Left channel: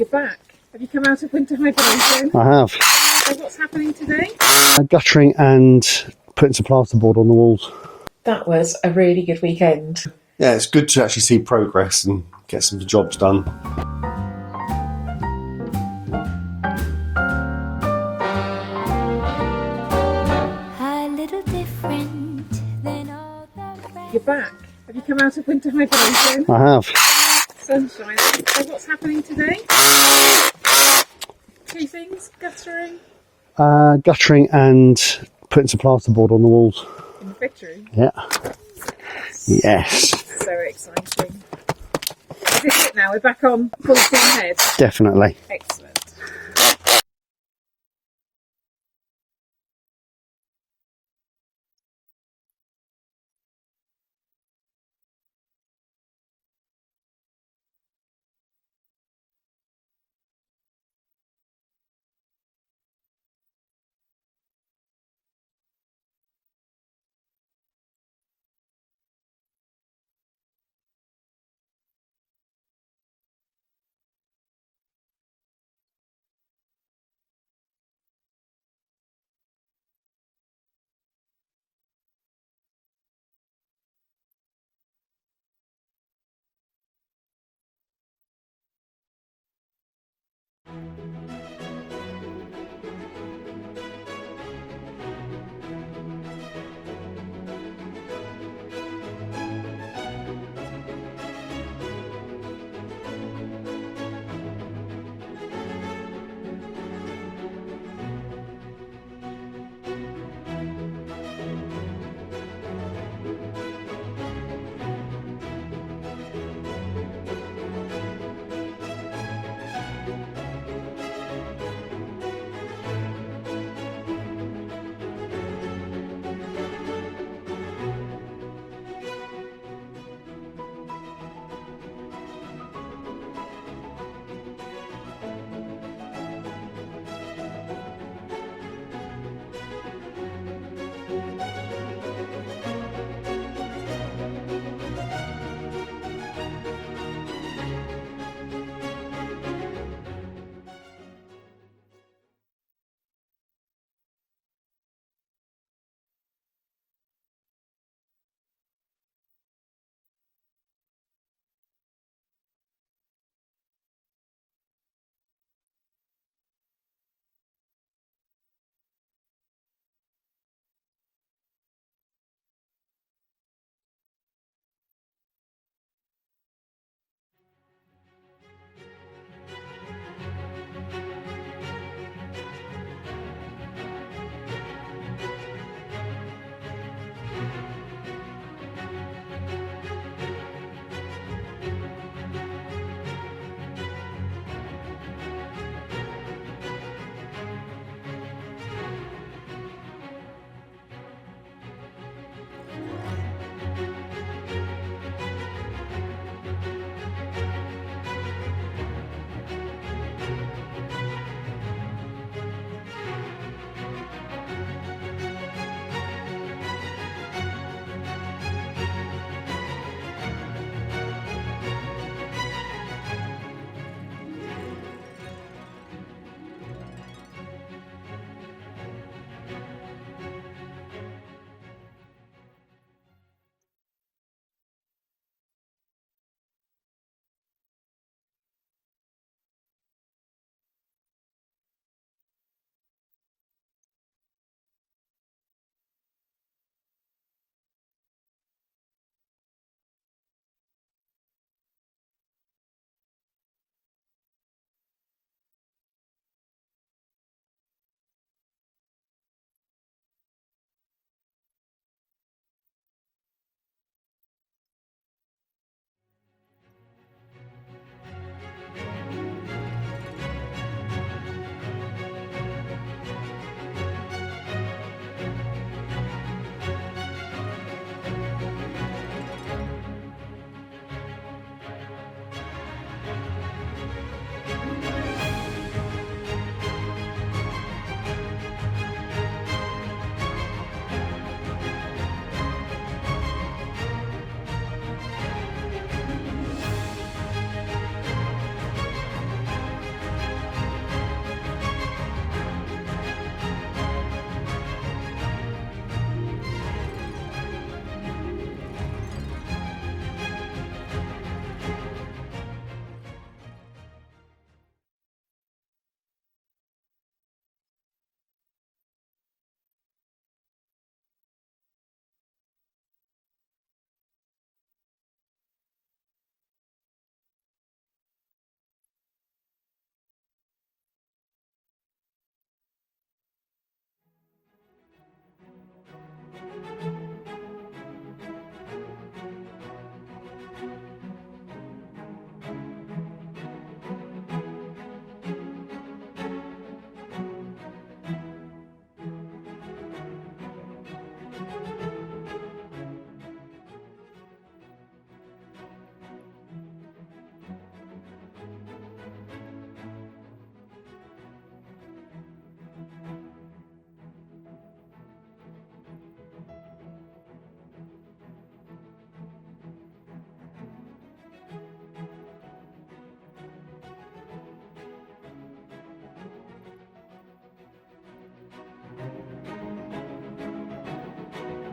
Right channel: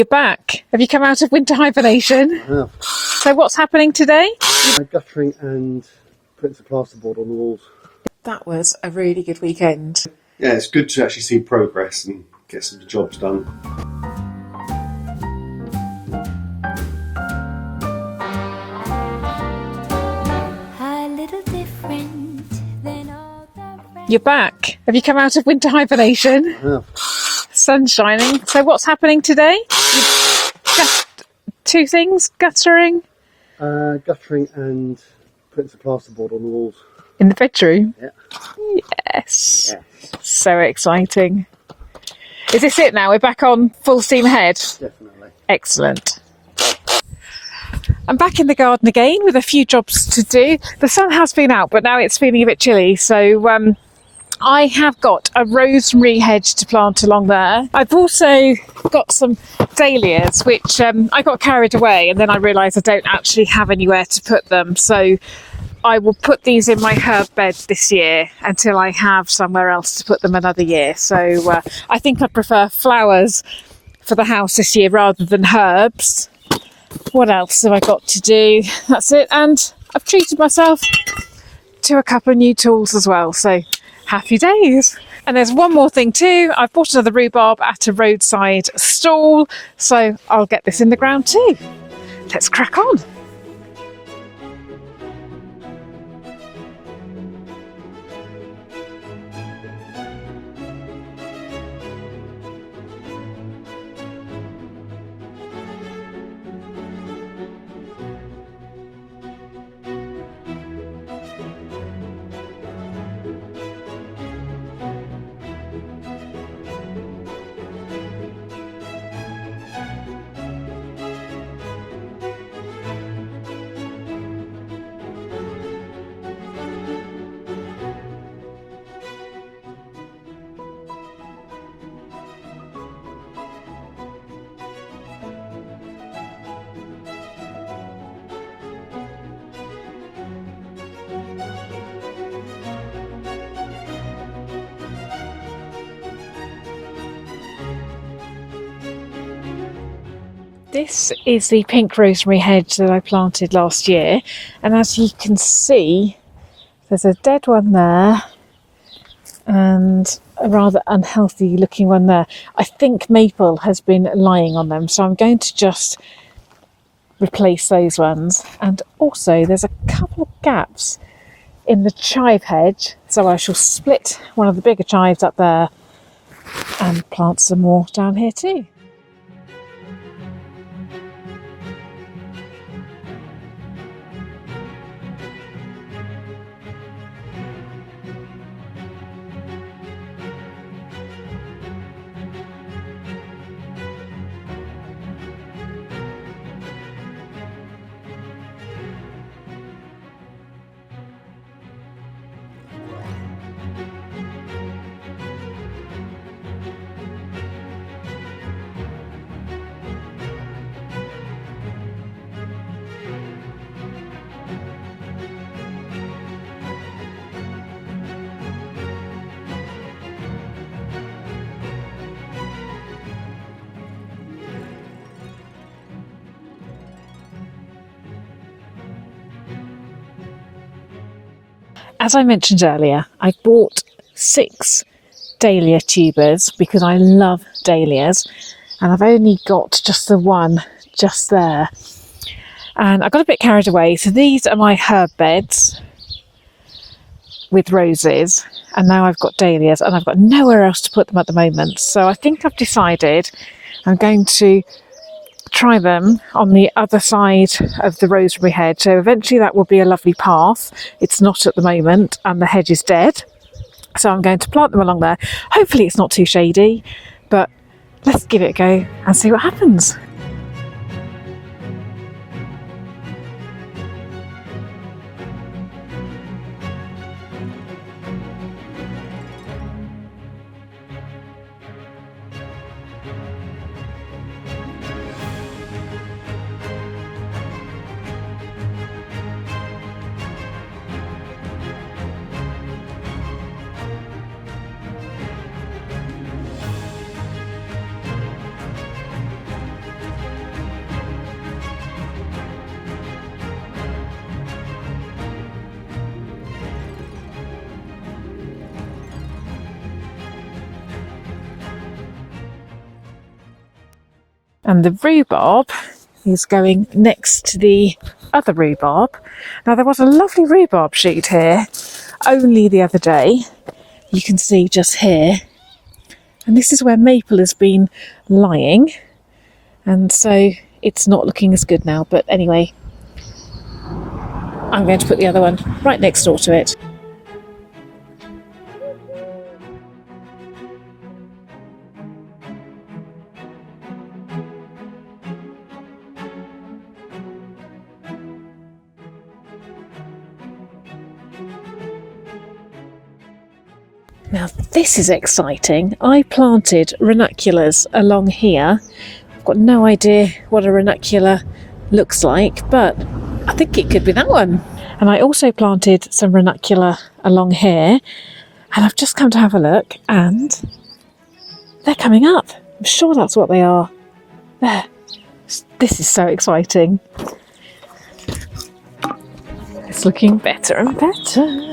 You're back. Have you come out of winter hibernation? I have. So what's happening today? Guttering and putting some plasterboard on the walls. That was a really good weekend. Yeah, it's good to actually see progress and get some jobs done. A little different than all the rest. You're back. Have you come out of winter hibernation? I have. Sun's shining. So what's happening today? Two things, guttering. Guttering and putting some plasterboard on the walls. In the bedroom? Yeah. Yes. Yes. So exciting. Is this it now? We're back on full steam ahead? Definitely. Excellent. I'm back in the garden again with a few jobs to do. The sun has been out, but now it's feeling a bit chilly. So I have got a rosemary hedge to plant along there. I've also got some dahlias, which I got carried away and then I realised I don't actually have anywhere to put them. So I will put these in my herb bed this year until I have somewhere else to put them another year. So I think I'd prefer flowers for the house this year rather than herbs. What else have I got to do? That's it. And I've treated myself to a couple of new tools as well. So happy days. And there's one more thing too. I've bought another rhubarb at a roadside stall. So I'll get this in the ground too. Let's crack on. This is the pink rosemary hedge that I planted last year, and as you can see there's a dead one there and a rather unhealthy looking one there. I think maple has been lying on them, so I'm going to just replace those ones. And also there's a couple of gaps in the chive hedge, so I shall split one of the bigger chives up there and plant some more down here too. As I mentioned earlier, I bought 6 dahlia tubers because I love dahlias, and I've only got just the one just there. And I got a bit carried away, so these are my herb beds with roses, and now I've got dahlias and I've got nowhere else to put them at the moment. So I think I've decided I'm going to try them on the other side of the rosemary hedge. So eventually that will be a lovely path. It's not at the moment and the hedge is dead. So I'm going to plant them along there. Hopefully it's not too shady, but let's give it a go and see what happens. And the rhubarb is going next to the other rhubarb. Now there was a lovely rhubarb shoot here only the other day. You can see just here. And this is where maple has been lying. And so it's not looking as good now. But anyway, I'm going to put the other one right next door to it. Now this is exciting. I planted ranunculus along here. I've got no idea what a ranunculus looks like, but I think it could be that one. And I also planted some ranunculus along here, and I've just come to have a look, and they're coming up. I'm sure that's what they are. There. This is so exciting. It's looking better and better.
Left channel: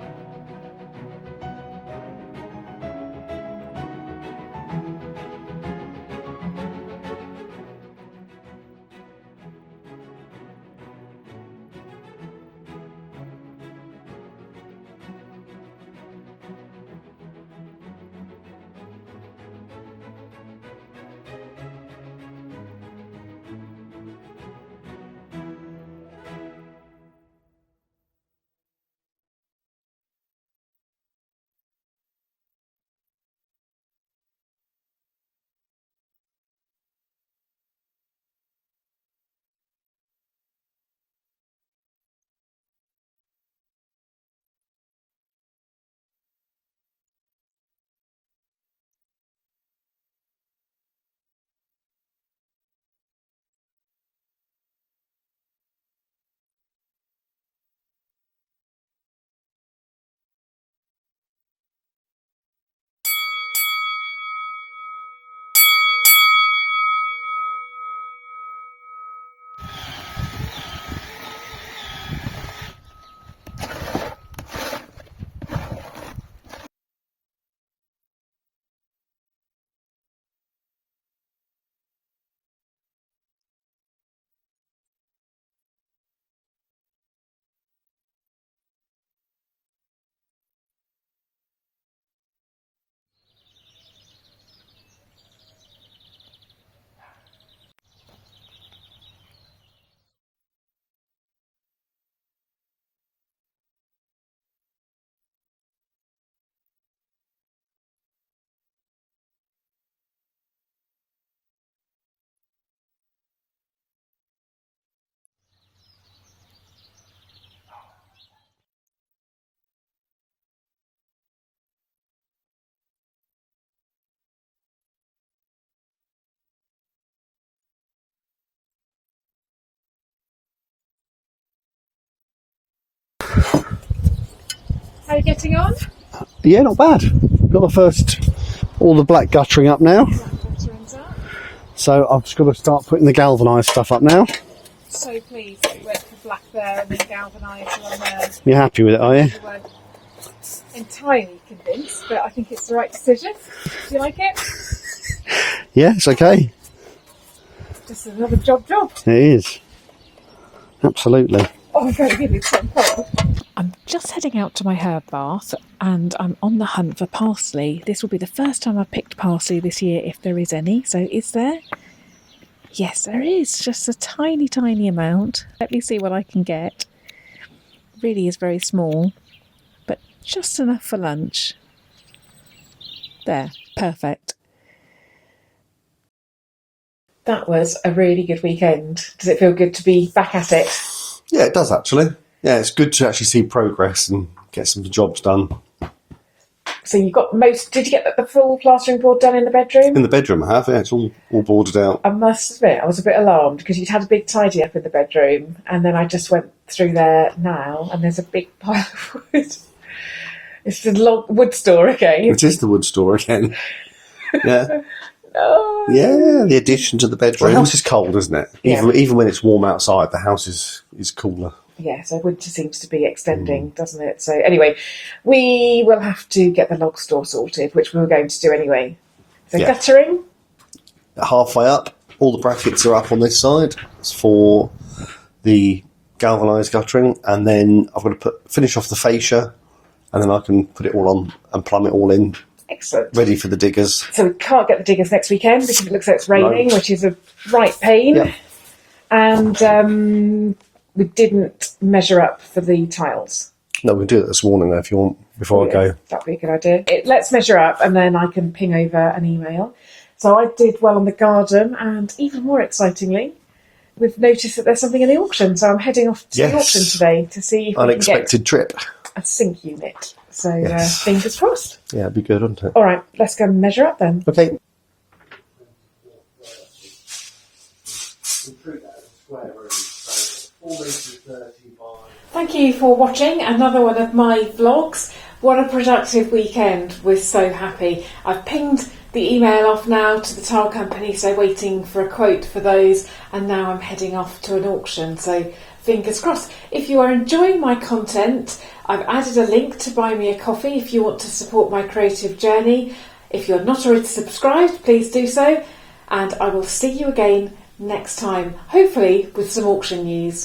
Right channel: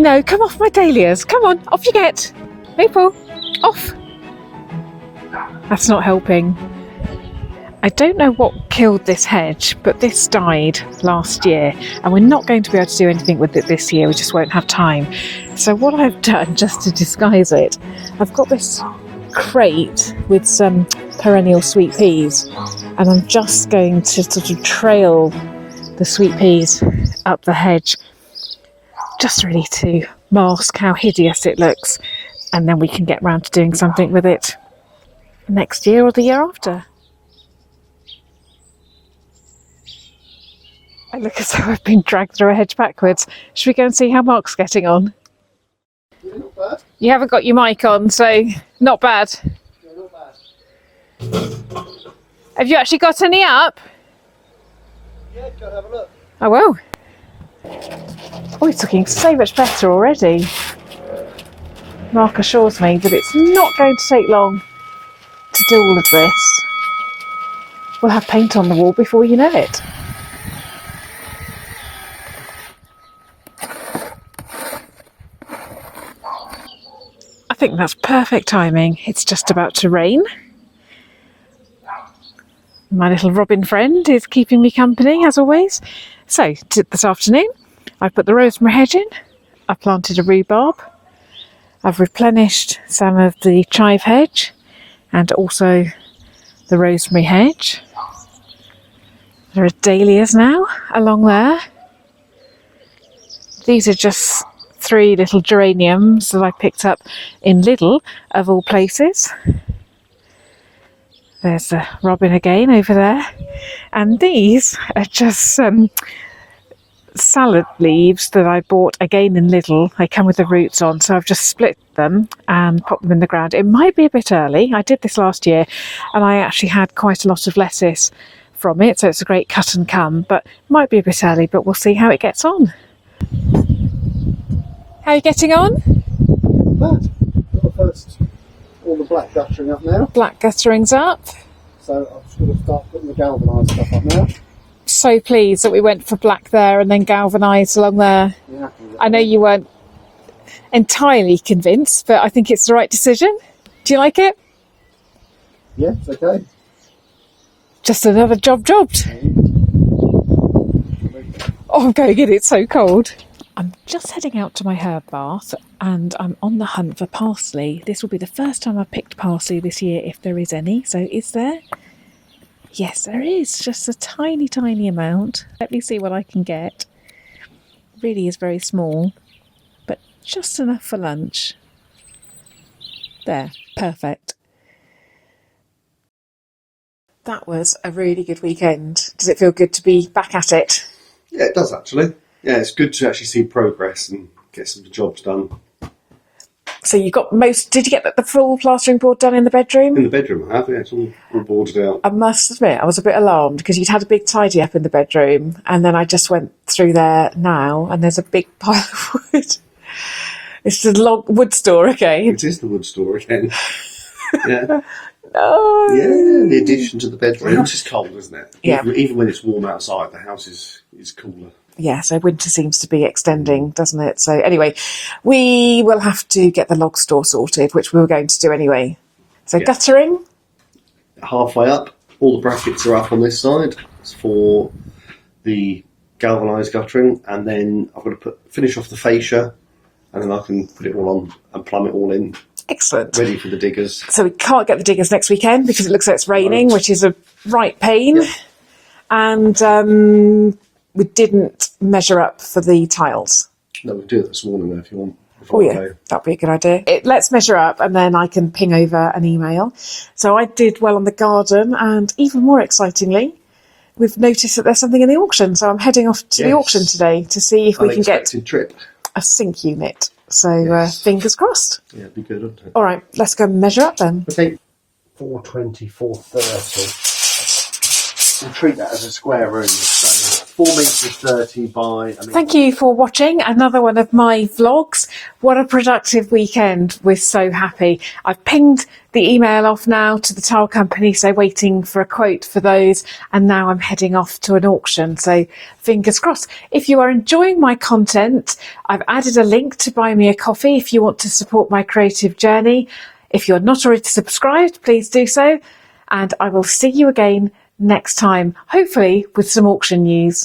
No, come off my dahlias. Come on, off you get. Maple, off. That's not helping. I don't know what killed this hedge, but this died last year, and we're not going to be able to do anything with it this year. We just won't have time. So what I've done, just to disguise it, I've got this crate with some perennial sweet peas, and I'm just going to sort of trail the sweet peas up the hedge, just really to mask how hideous it looks, and then we can get round to doing something with it next year or the year after. I look as though I've been dragged through a hedge backwards. Should we go and see how Mark's getting on? Yeah, not bad. You haven't got your mic on, so not bad. Yeah, not bad. Have you actually got any up? Yeah, go and have a look. I will. Oh, it's looking so much better already. Mark assures me that it's not going to take long to do all of this. We'll have paint on the wall before you know it. I think that's perfect timing. It's just about to rain. My little robin friend is keeping me company, as always. So, this afternoon, I've put the rosemary hedge in. I've planted a rhubarb. I've replenished some of the chive hedge and also the rosemary hedge. There are dahlias now along there. These are just 3 little geraniums that I picked up in Lidl, of all places. There's the robin again over there. And these are just salad leaves that I bought again in Lidl. They come with the roots on, so I've just split them and popped them in the ground. It might be a bit early. I did this last year and I actually had quite a lot of lettuce from it, so it's a great cut and come, but might be a bit early, but we'll see how it gets on. How are you getting on? Yeah, not bad. Got the first, all the black guttering up now. Black guttering's up. So I've just got to start putting the galvanised stuff up now. So pleased that we went for black there and then galvanised along there. You happy with it, I know you weren't entirely convinced, but I think it's the right decision. Do you like it? Yeah, it's okay. Just another jobbed. It is. Absolutely. Oh, I'm going in, it's so cold. I'm just heading out to my herb bath and I'm on the hunt for parsley. This will be the first time I've picked parsley this year, if there is any. So is there? Yes, there is. Just a tiny, tiny amount. Let me see what I can get. Really is very small, but just enough for lunch. There, perfect. That was a really good weekend. Does it feel good to be back at it? Yeah, it does actually. Yeah, it's good to actually see progress and get some jobs done. So you got most. Did you get the full plastering board done in the bedroom? In the bedroom, I have. Yeah, it's all boarded out. I must admit, I was a bit alarmed because you'd had a big tidy up in the bedroom, and then I just went through there now, and there's a big pile of wood. It's the wood store again. It is the wood store again. Yeah. Oh. Yeah, the addition to the bedroom. The house is cold, isn't it? Yeah. Even when it's warm outside, the house is cooler. Yeah, so winter seems to be extending, doesn't it? So anyway, we will have to get the log store sorted, which we were going to do anyway. So Yeah. guttering. Halfway up, all the brackets are up on this side. It's for the galvanised guttering, and then I've got to finish off the fascia, and then I can put it all on and plumb it all in, Excellent. ready for the diggers. So we can't get the diggers next weekend because it looks like it's raining, Right. which is a right pain. Yeah. And we didn't measure up for the tiles. No, we'll do it this morning though, if you want, before I go. That'd be a good idea. Let's measure up and then I can ping over an email. So I did well on the garden, and even more excitingly, we've noticed that there's something in the auction. So I'm heading off to the Yes. auction today to see if we can get Unexpected trip. a sink unit. So Yes. fingers crossed. Yeah, it'd be good, wouldn't it? All right, let's go and measure up then. Okay. 420, 430. We'll treat that as a square room. So 4 metres 30 by... Thank you for watching another one of my vlogs. What a productive weekend. We're so happy. I've pinged the email off now to the tile company, so waiting for a quote for those, and now I'm heading off to an auction, so fingers crossed. If you are enjoying my content, I've added a link to buy me a coffee if you want to support my creative journey. If you're not already subscribed, please do so, and I will see you again next time, hopefully with some auction news.